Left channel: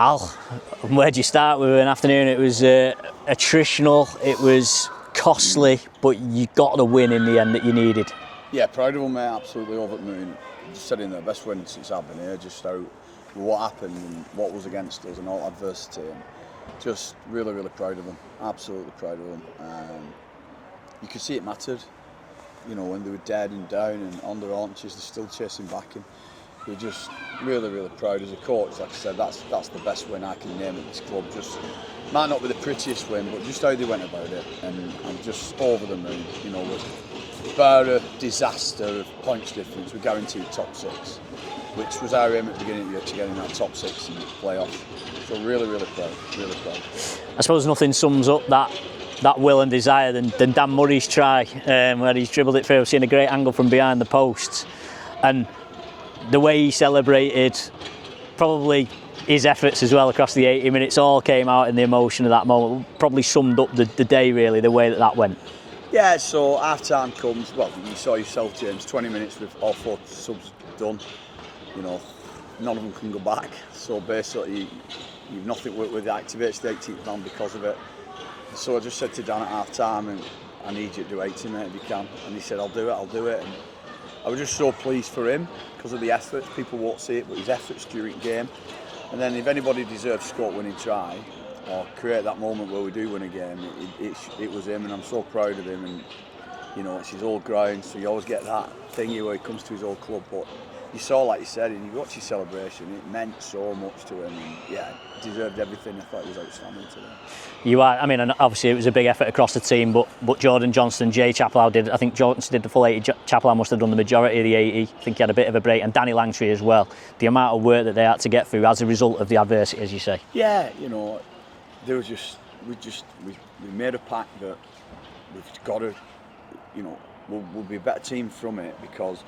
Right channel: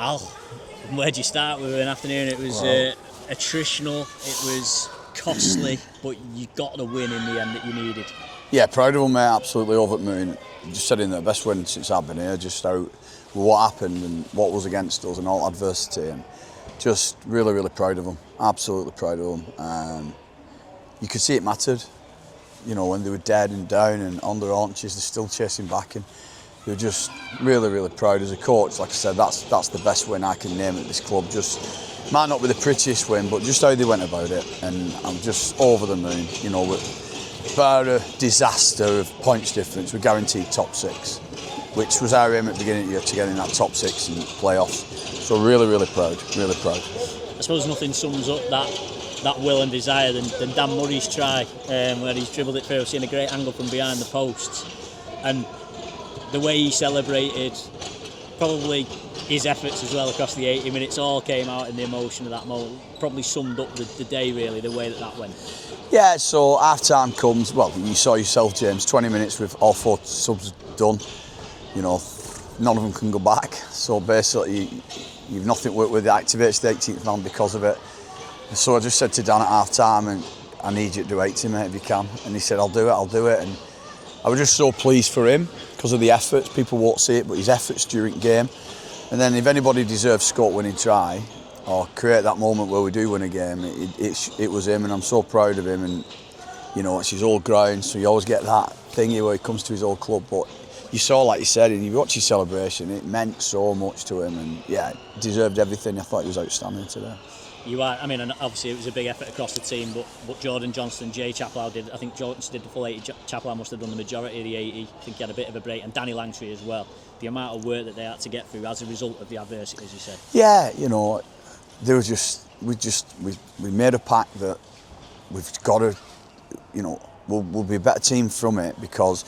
Al, where do you start? We were an afternoon, it was attritional, it was costly, but you got the win in the end that you needed. Yeah, proud of them, mate, absolutely over the moon. Just said in the best win since I've been here, just how what happened and what was against us and all adversity, and just really, really proud of them, absolutely proud of them. You could see it mattered, you know, when they were dead and down and on their haunches, they're still chasing back, and we're just really, really proud as a coach. Like I said, that's the best win I can name at this club. Just might not be the prettiest win, but just how they went about it, and I'm just over the moon. You know, about a disaster of points difference, we're guaranteed top 6, which was our aim at the beginning of the year, to get in that top 6 and playoffs. So really, really proud, really proud. I suppose nothing sums up that will and desire than Dan Murray's try, where he's dribbled it through. I've seen a great angle from behind the posts, and the way he celebrated, probably his efforts as well across the 80 minutes, all came out in the emotion of that moment. Probably summed up the day, really, the way that went. Yeah, so half time comes, well, you saw yourself, James, 20 minutes with all 4 subs done. You know, none of them can go back. So basically, you've nothing with the activates the 18th man because of it. So I just said to Dan at half time, and I need you to do 80, mate, if you can. And he said, I'll do it. And I was just so pleased for him because of the efforts. People won't see it, but his efforts during the game. And then if anybody deserves scope-winning try or create that moment where we do win a game, it was him, and I'm so proud of him. And you know, it's his old ground, so you always get that thingy where he comes to his old club. But you saw, like you said, and you watch his celebration, it meant so much to him, and yeah, deserved everything. I thought he was outstanding today. You are, I mean, and obviously it was a big effort across the team, but Jordan Johnston, Jay Chaplow I think Johnston did the full 80, Chaplow must have done the majority of the 80, I think he had a bit of a break, and Danny Langtry as well. The amount of work that they had to get through as a result of the adversity, as you say. Yeah, you know, there was we made a pact that we've got to, you know, we'll be a better team from it, because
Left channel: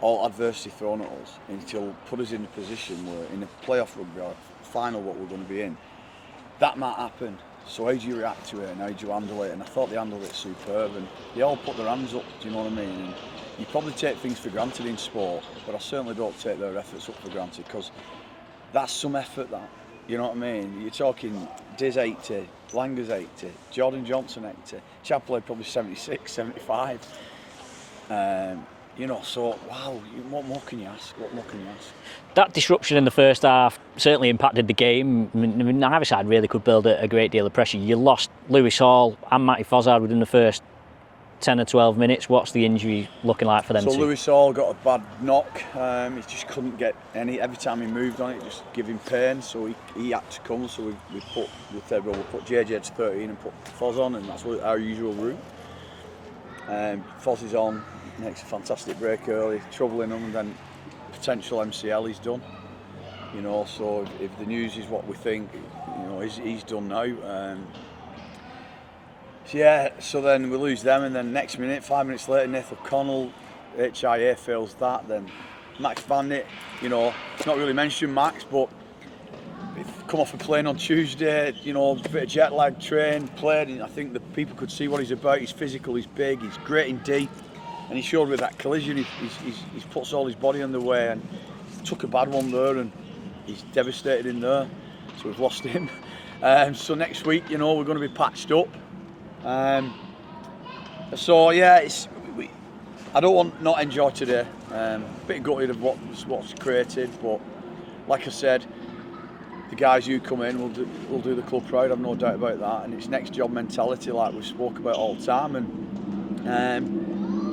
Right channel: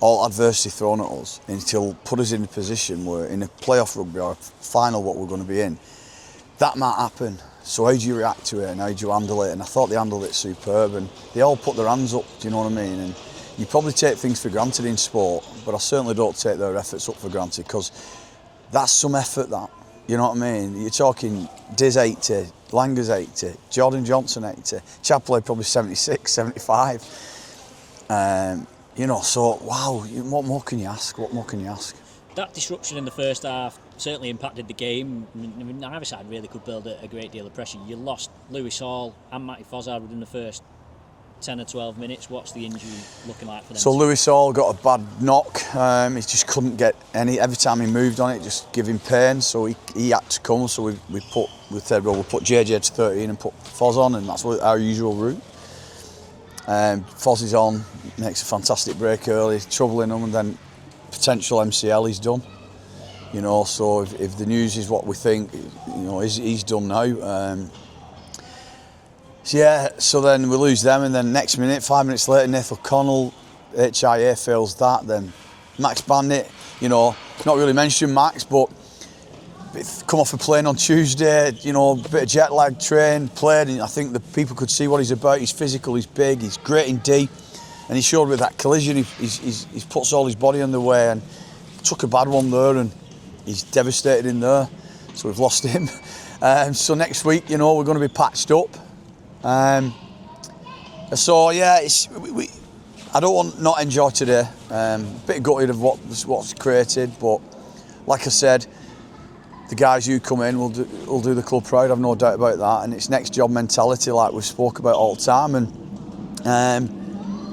all adversity thrown at us, and it'll put us in a position where in a playoff rugby or a final what we're going to be in, that might happen. So how do you react to it, and how do you handle it? And I thought they handled it superb, and they all put their hands up, do you know what I mean? And you probably take things for granted in sport, but I certainly don't take their efforts up for granted, because that's some effort, that. You know what I mean? You're talking Diz 80, Langer's 80, Jordan Johnson 80, Chaplow probably 76, 75. You know, so wow, what more can you ask? What more can you ask? That disruption in the first half certainly impacted the game. I mean, neither side really could build a great deal of pressure. You lost Lewis Hall and Matty Fozzard within the first 10 or 12 minutes. What's the injury looking like for them? So Lewis Hall got a bad knock. He just couldn't get any. Every time he moved on it, just give him pain. So he had to come. So we said, well, we'll put JJ to 13 and put Foz on, and that's our usual route. Foz is on, makes a fantastic break early, troubling him, and then potential MCL, he's done. You know, so if the news is what we think, you know, he's done now. Yeah, so then we lose them, and then next minute, 5 minutes later, Nathan O'Connell, HIA fails that. Then Max Bandit, you know, not really mentioned Max, but come off a plane on Tuesday, you know, a bit of jet lag, trained, played, and I think the people could see what he's about. He's physical, he's big, he's great in D. And he showed with that collision, he puts all his body on the way, and took a bad one there, and he's devastated in there. So we've lost him. So next week, you know, we're going to be patched up. So yeah, I don't want not enjoy today. A bit gutted of what's created, but like I said, the guys who come in will do the club proud. I've no doubt about that. And it's next job mentality, like we've spoke about all the time. And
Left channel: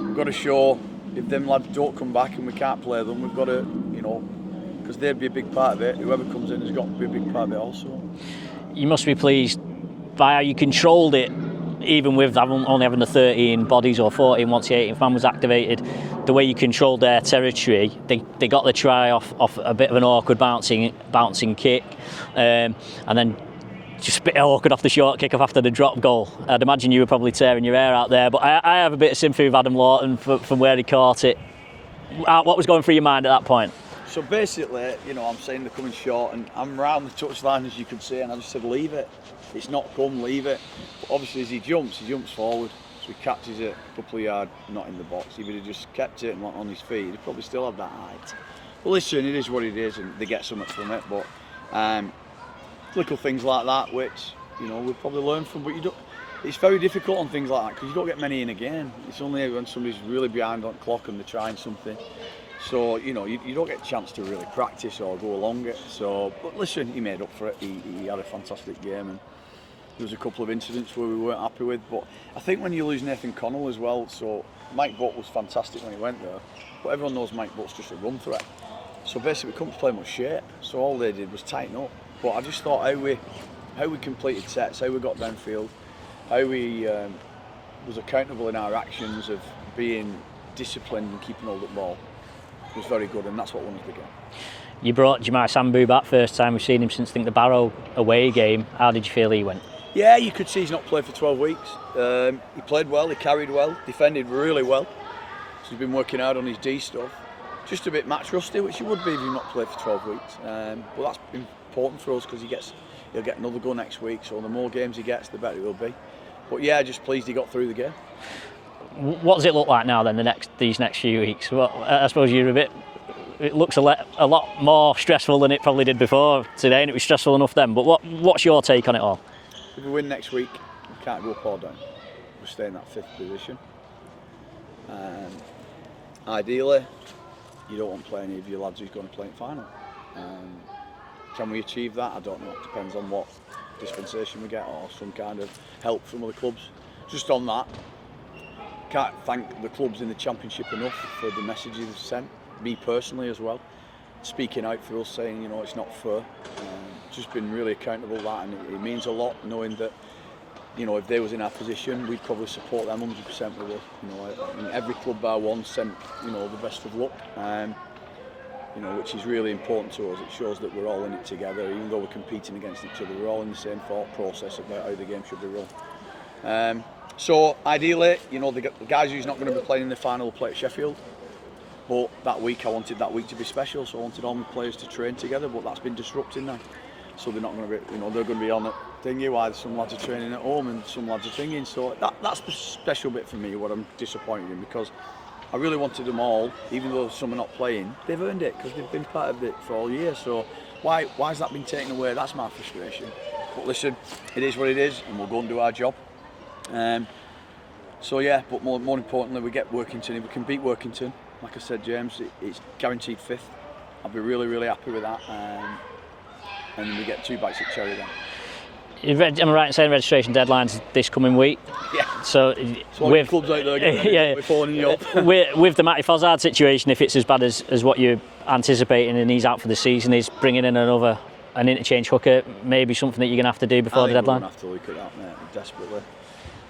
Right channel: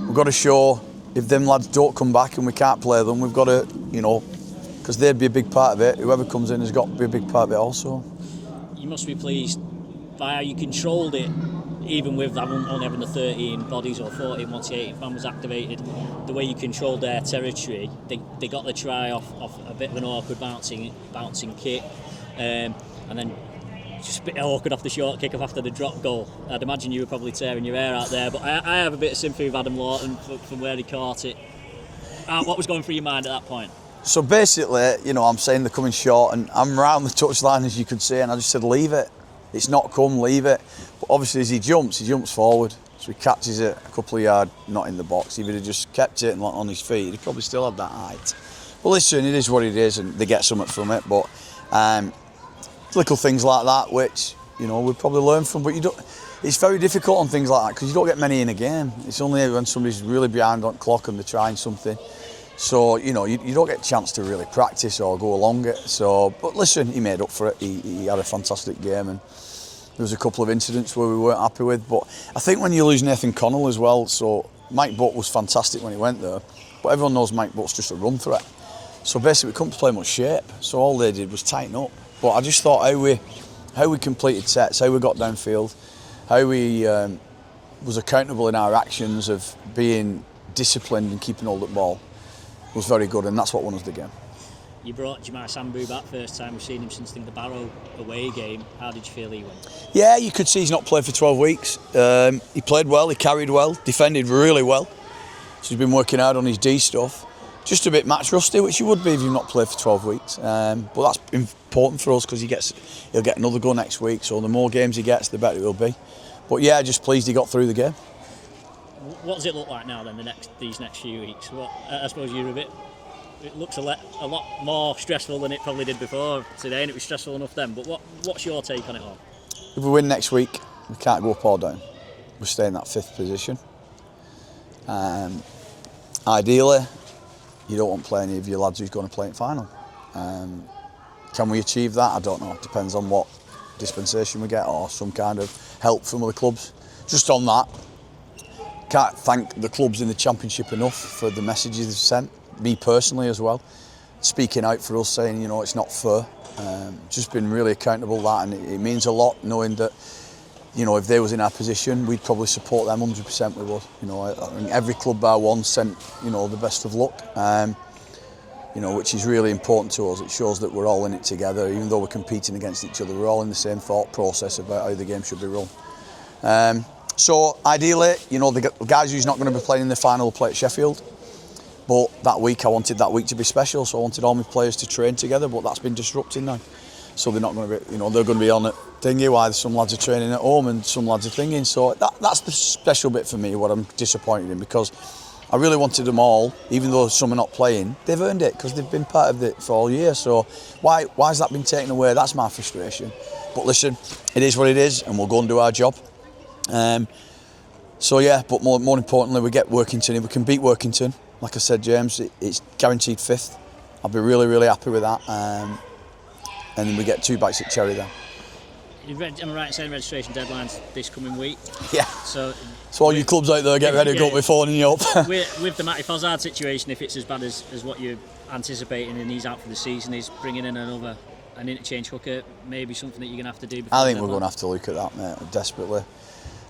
we've got to show, if them lads don't come back and we can't play them, we've got to, you know, because they'd be a big part of it. Whoever comes in has got to be a big part of it also. You must be pleased by how you controlled it, even with only having the 13 bodies or 14 once the 18th man was activated. The way you controlled their territory, they got the try off a bit of an awkward bouncing kick, and then just a bit awkward off the short kick-off after the drop goal. I'd imagine you were probably tearing your hair out there, but I have a bit of sympathy with Adam Lawton from where he caught it. What was going through your mind at that point? So basically, you know, I'm saying they're coming short, and I'm around the touchline, as you could see, and I just said, leave it. It's not come, leave it. But obviously, as he jumps forward, so he catches it a couple of yards, not in the box. If he'd have just kept it and on his feet, he'd probably still have that height. But listen, it is what it is, and they get something from it. But little things like that, which we probably learn from. But it's very difficult on things like that because you don't get many in a game. It's only when somebody's really behind on the clock and they're trying something. So you don't get a chance to really practice or go along it. So, but listen, he made up for it. He had a fantastic game, and there was a couple of incidents where we weren't happy with. But I think when you lose Nathan Connell as well, so Mike Butt was fantastic when he went there, but everyone knows Mike Butt's just a run threat. So basically, we couldn't play much shape. So all they did was tighten up. But I just thought how we completed sets, how we got downfield, how we was accountable in our actions of being disciplined and keeping hold of the ball was very good, and that's what won us the game. You brought Jamar Samboo back first time we've seen him since, I think, the Barrow away game. How did you feel he went? Yeah, you could see he's not played for 12 weeks. He played well, he carried well, defended really well. So he's been working out on his D stuff. Just a bit match rusty, which he would be if you've not played for 12 weeks. But that's important for us because he'll get another go next week. So the more games he gets, the better he'll be. But yeah, just pleased he got through the game. What does it look like now then? These next few weeks? Well, I suppose you're a bit. It looks a lot more stressful than it probably did before today, and it was stressful enough then. But what's your take on it all? If we win next week, we can't go up or down. We stay in that 5th position. Ideally, you don't want to play any of your lads who's going to play in final. Can we achieve that? I don't know. It depends on what dispensation we get or some kind of help from other clubs. Just on that, can't thank the clubs in the Championship enough for the messages they've sent. Me personally as well, speaking out for us, saying it's not fair. Just been really accountable that, and it means a lot knowing that if they was in our position, we'd probably support them 100%. We would. I think every club bar one sent the best of luck. Which is really important to us. It shows that we're all in it together, even though we're competing against each other. We're all in the same thought process about how the game should be run. So ideally, the guys who's not going to be playing in the final will play at Sheffield. But that week, I wanted that week to be special, so I wanted all my players to train together, but that's been disrupted now. So they're not going to be, they're going to be on it thingy while some lads are training at home and some lads are thinking. So that's the special bit for me, what I'm disappointed in, because I really wanted them all, even though some are not playing, they've earned it because they've been part of it for all year. So why has that been taken away? That's my frustration. But listen, it is what it is, and we'll go and do our job. So yeah, but more importantly, we get Workington. If we can beat Workington, like I said, James, it's guaranteed 5th. I'll be really, really happy with that. And then we get 2 bites at cherry then. Am I right in saying registration deadline's this coming week? Yeah. So all your clubs out there, get ready, don't be phoning you up. with the Matty Fozzard situation, if it's as bad as what you're anticipating and he's out for the season, is bringing in an interchange hooker maybe something that you're going to have to do before the deadline? We're going to have to look at that, mate, desperately.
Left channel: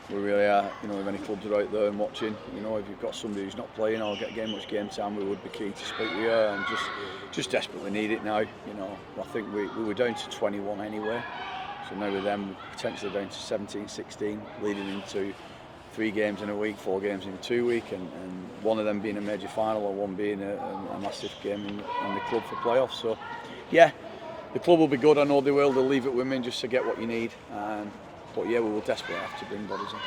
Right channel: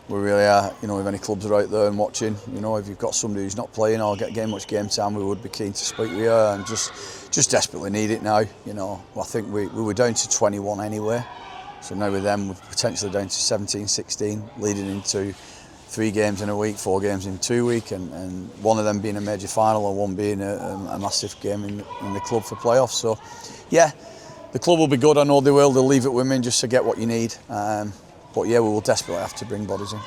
We really are. If any clubs are out there and watching, if you've got somebody who's not playing or getting much game time, we would be keen to speak to you and just desperately need it now. I think we were down to 21 anyway. So now with them, we're potentially down to 17, 16, leading into 3 games in a week, 4 games in 2 weeks, and one of them being a major final or one being a massive game in the club for playoffs. So, yeah, the club will be good. I know they will. They'll leave it with me just to get what you need. But yeah, we will desperately have to bring bodies in.